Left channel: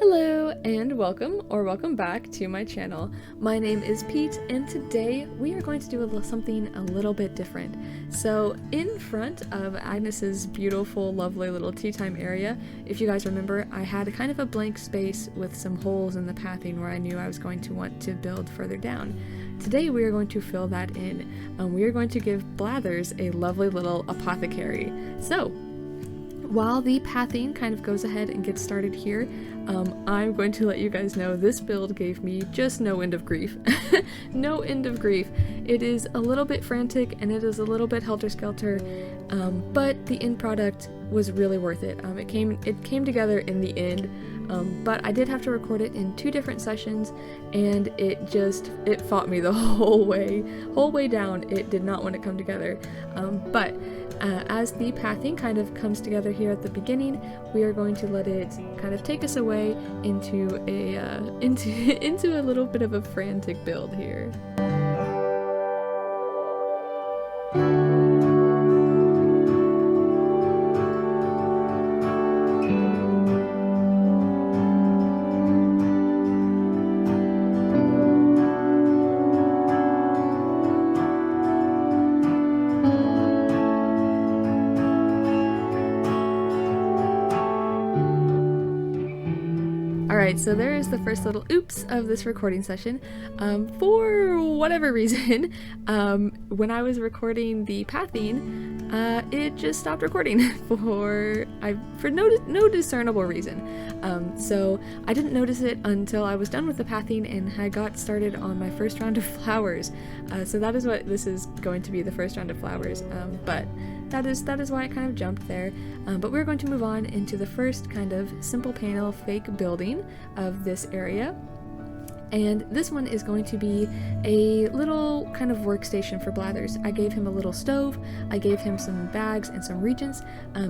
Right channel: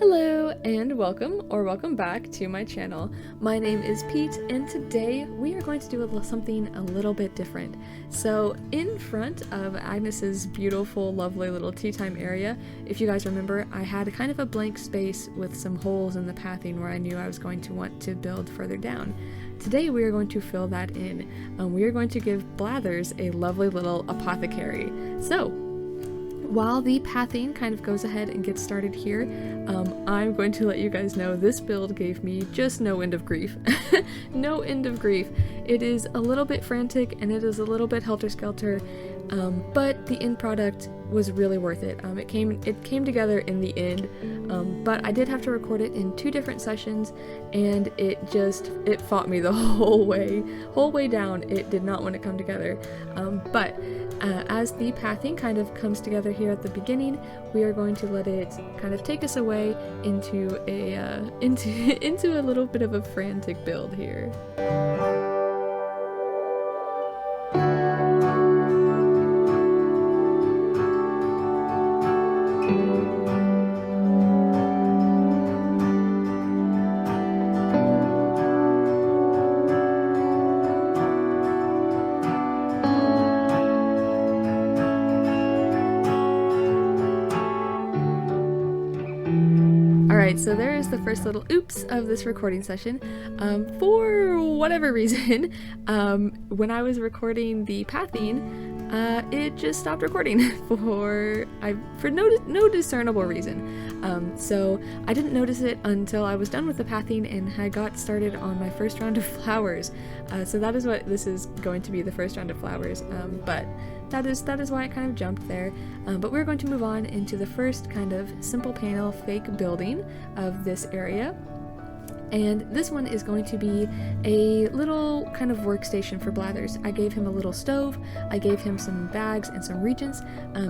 Hello and welcome back to my channel. My name is Pete and today we are going to do something a little bit different. So in front of Agnes's beautiful, lovely little tea time area, if you guys remember, I had kind of a blank space with some holes in the pathing where I knew I was going to want to build further down. Today we are going to fill that in. We are going to give Blathers a lovely little apothecary. So while the pathing kind of goes ahead and gets started here, I'm going to let you guys know this build gave me just no end of grief. No end of grief. It is a little bit frantic and it is a little bit helter-skelter, but the end product was really worth it. It came together in the end, but I did have to record it in 2 different sessions, and it fought me the whole way down. It did not want to come together, but as the pathing kind of comes together here at the beginning, we are going to let it kind of take us away into a little bit of a frantic build here. Alright, so there is the first little oops of this recording session. For whatever reason, when I was recording the pathing, it just stopped recording for no discernible reason. So I didn't notice it until I was done with the pathing and had got started on my first round of flowers. So that is what this is going to be, the first round of flowers. But that is why it kind of jumped there. But we're going to move on into the first kind of simple panel fake building of this area. And this one is going to be a little kind of workstation for Blathers. I gave him a little stove, I gave him some bags and some reagents.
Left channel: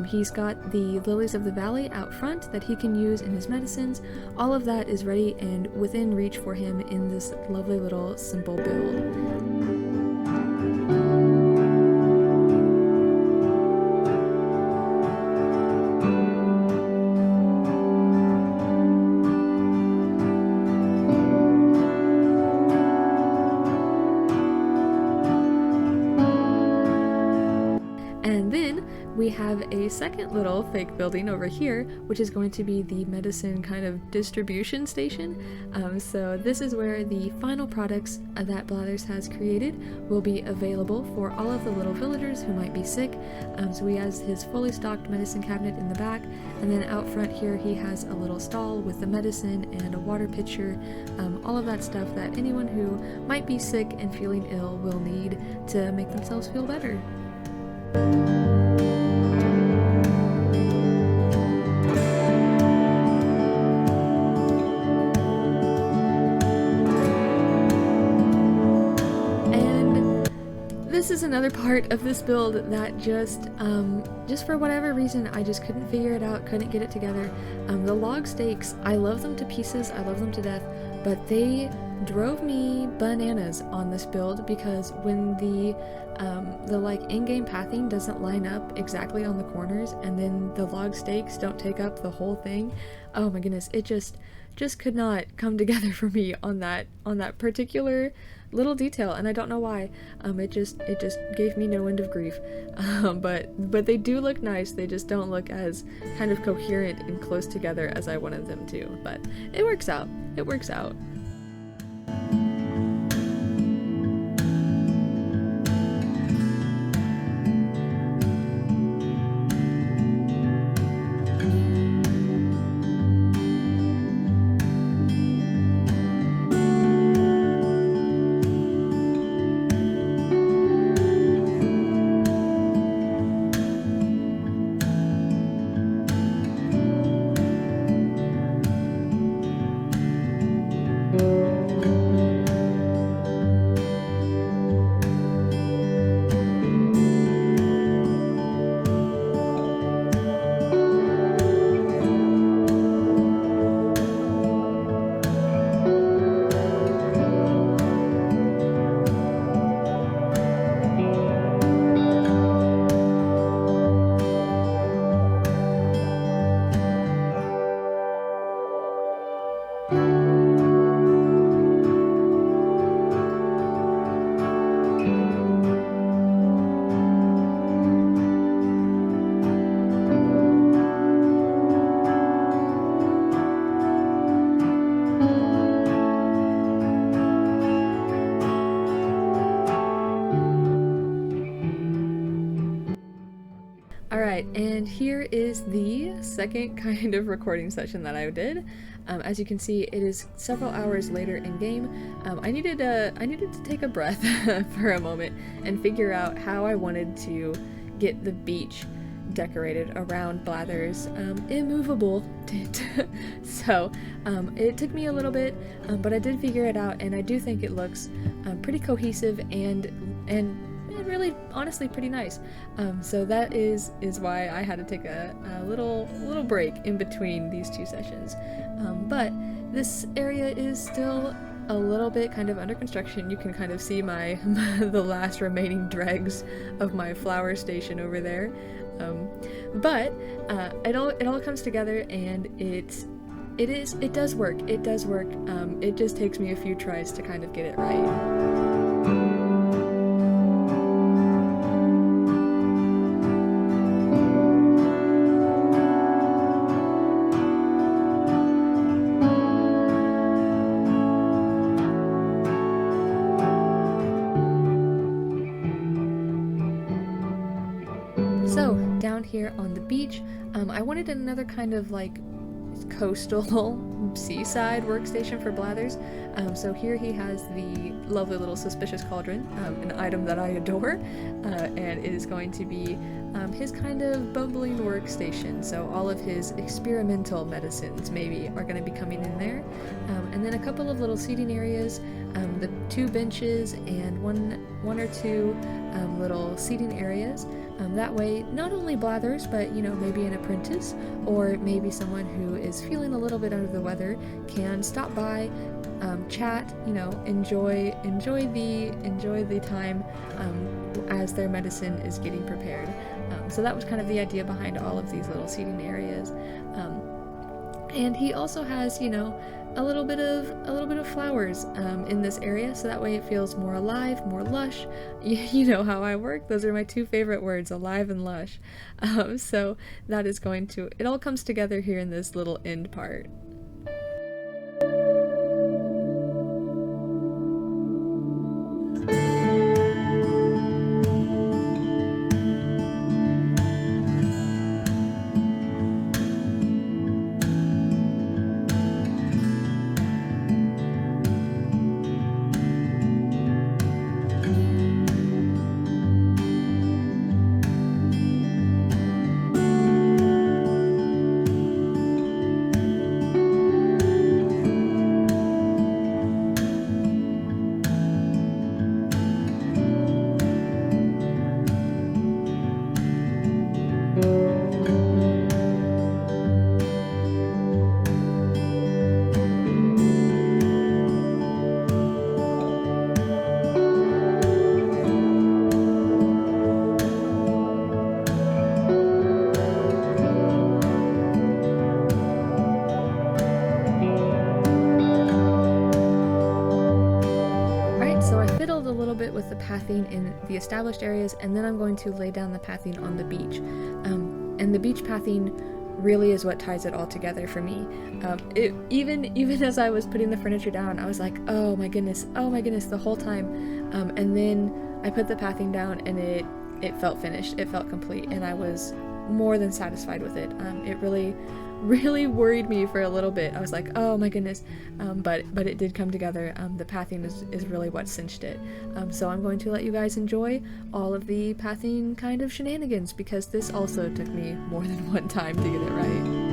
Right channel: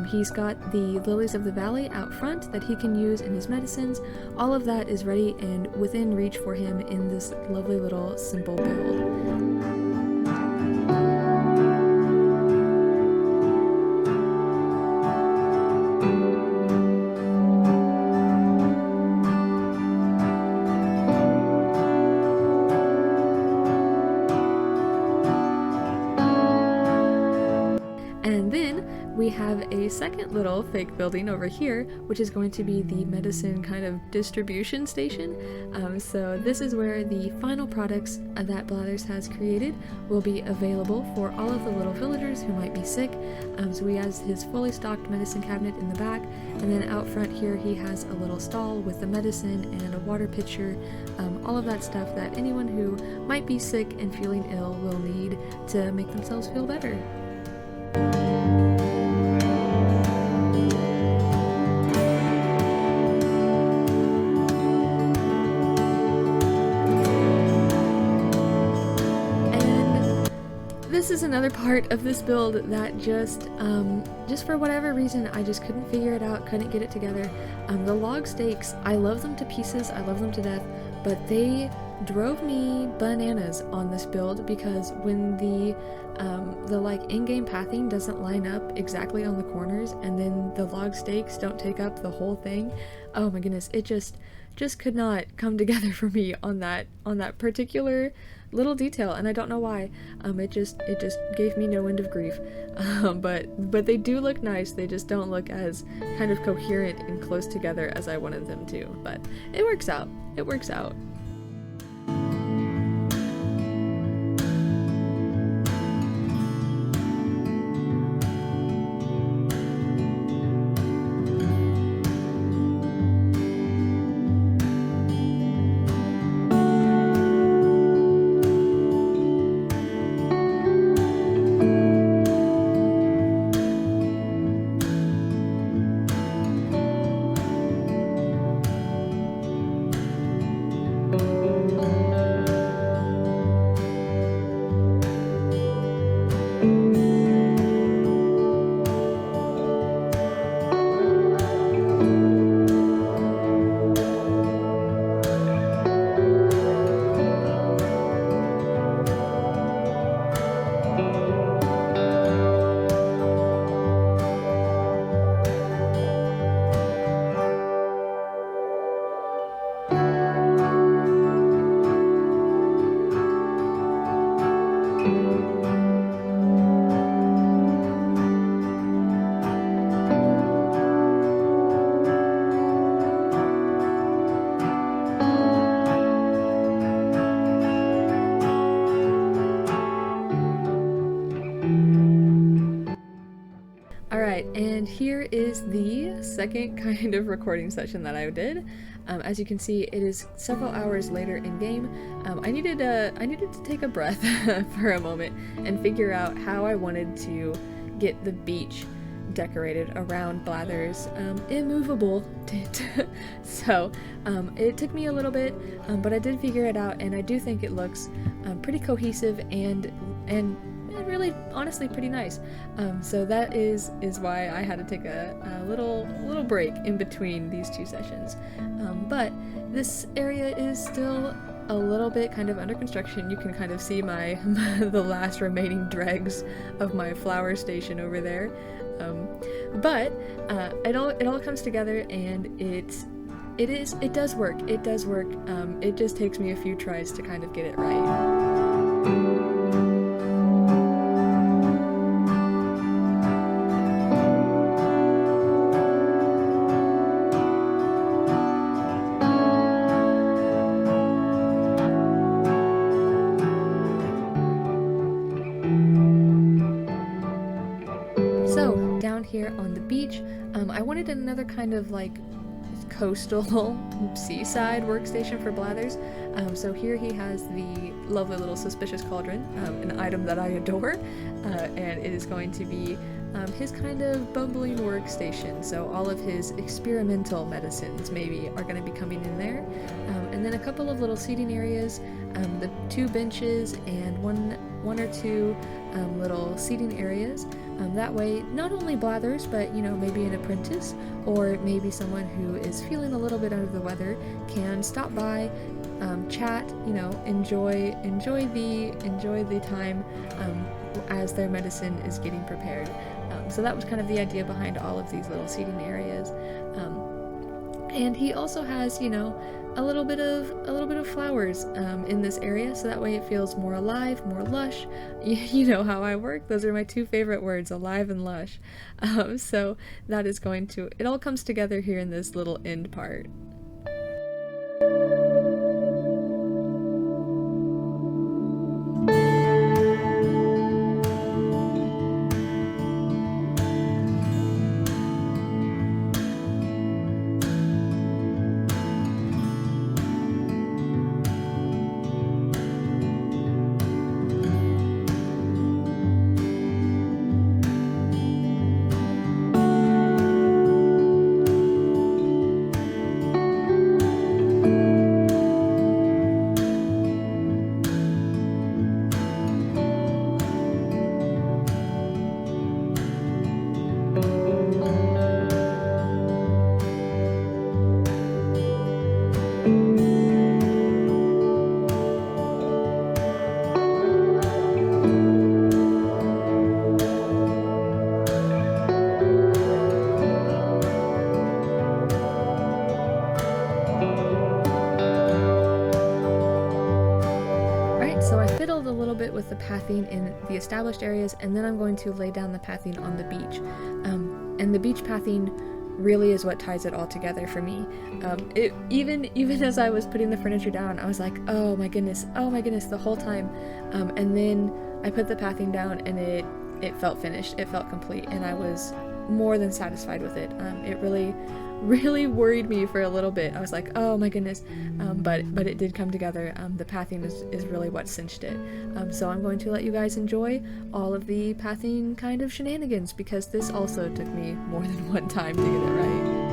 He's got the lilies of the valley out front that he can use in his medicines. All of that is ready and within reach for him in this lovely little simple build. And then we have a second little fake building over here, which is going to be the medicine kind of distribution station. So this is where the final products that Blathers has created will be available for all of the little villagers who might be sick. So he has his fully stocked medicine cabinet in the back, and then out front here he has a little stall with the medicine and a water pitcher, all of that stuff that anyone who might be sick and feeling ill will need to make themselves feel better. This is another part of this build that just for whatever reason, I just couldn't figure it out, couldn't get it together. The log stakes, I love them to pieces, I love them to death, but they drove me bananas on this build because when the like in-game pathing doesn't line up exactly on the corners and then the log stakes don't take up the whole thing, oh my goodness, it just could not come together for me on that particular little detail, and I don't know why. It just gave me no end of grief. But they do look nice, they just don't look as kind of coherent and close together as I wanted them to, but it works out. It works out. Alright, and here is the second kind of recording session that I did. As you can see, it is several hours later in game. I needed to take a breath for a moment and figure out how I wanted to get the beach decorated around Blathers' immovable tent. So it took me a little bit, but I did figure it out, and I do think it looks pretty cohesive and really honestly pretty nice. So that is why I had to take a little break in between these two sessions. But this area is still a little bit kind of under construction. You can kind of see the last remaining dregs of my flower station over there. But it all comes together, and it does work. It does work. It just takes me a few tries to kind of get it right. So, down here on the beach, I wanted another kind of like coastal seaside workstation for Blathers. So here he has the lovely little suspicious cauldron, an item that I adore, and it is going to be his kind of bumbling workstation. So all of his experimental medicines maybe are going to be coming in there, and then a couple of little seating areas, the 2 benches and one or two little seating areas. That way, not only Blathers, but maybe an apprentice or maybe someone who is feeling a little bit under the weather can stop by, chat, enjoy the time as their medicine is getting prepared. So that was kind of the idea behind all of these little seating areas. And he also has, a little bit of flowers in this area, so that way it feels more alive, more lush. You know how I work. Those are my 2 favorite words, alive and lush. So that is it all comes together here in this little end part. So I fiddled a little bit with the pathing in the established areas, and then I'm going to lay down the pathing on the beach. And the beach pathing really is what ties it all together for me. Even as I was putting the furniture down, I was like, oh my goodness, the whole time. And then I put the pathing down, and it felt finished, it felt complete, and I was more than satisfied with it. It really worried me for a little bit. I was like, oh my goodness, but it did come together. The pathing is really what cinched it. So I'm going to let you guys enjoy all of the pathing kind of shenanigans, because this also took me more than one time to get it right.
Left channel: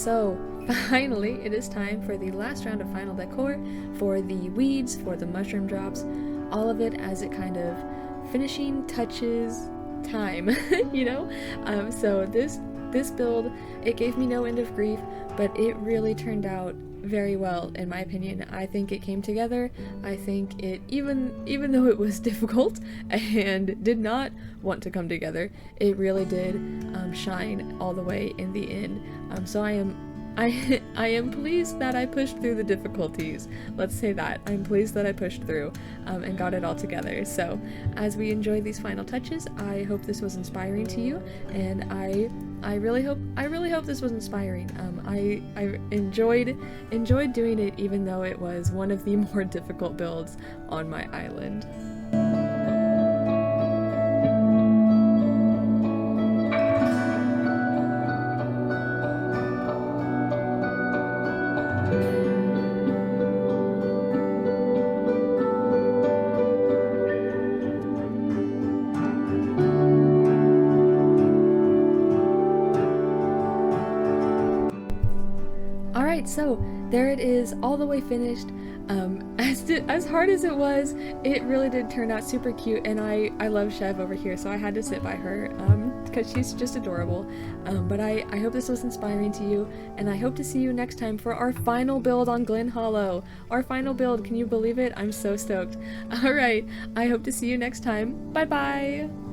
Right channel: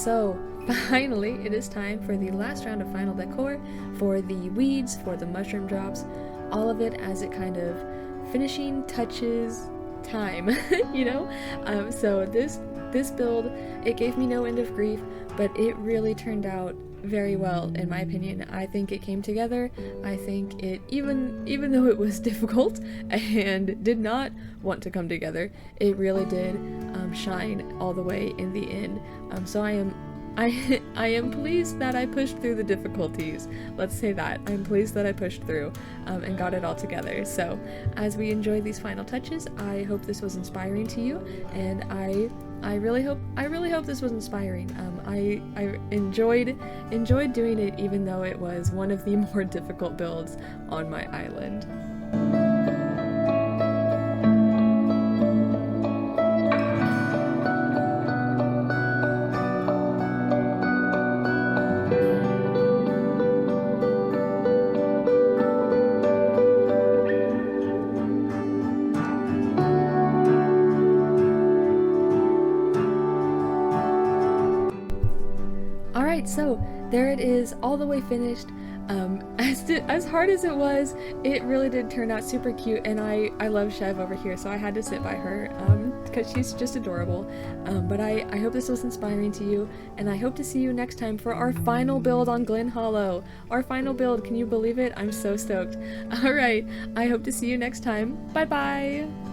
so finally it is time for the last round of final decor for the weeds, for the mushroom drops, all of it as it kind of finishing touches time, you know? So this build, it gave me no end of grief, but it really turned out very well in my opinion. I think it came together. I think it, even though it was difficult and did not want to come together, it really did shine all the way in the end. So I am pleased that I pushed through the difficulties. Let's say that. I'm pleased that I pushed through and got it all together. So as we enjoy these final touches, I hope this was inspiring to you, and I really hope this was inspiring. I enjoyed doing it, even though it was one of the more difficult builds on my island. Alright, so there it is, all the way finished. As hard as it was, it really did turn out super cute, and I love Chev over here, so I had to sit by her because she's just adorable. But I hope this was inspiring to you, and I hope to see you next time for our final build on Glen Hollow. Our final build, can you believe it? I'm so stoked. Alright, I hope to see you next time. Bye bye!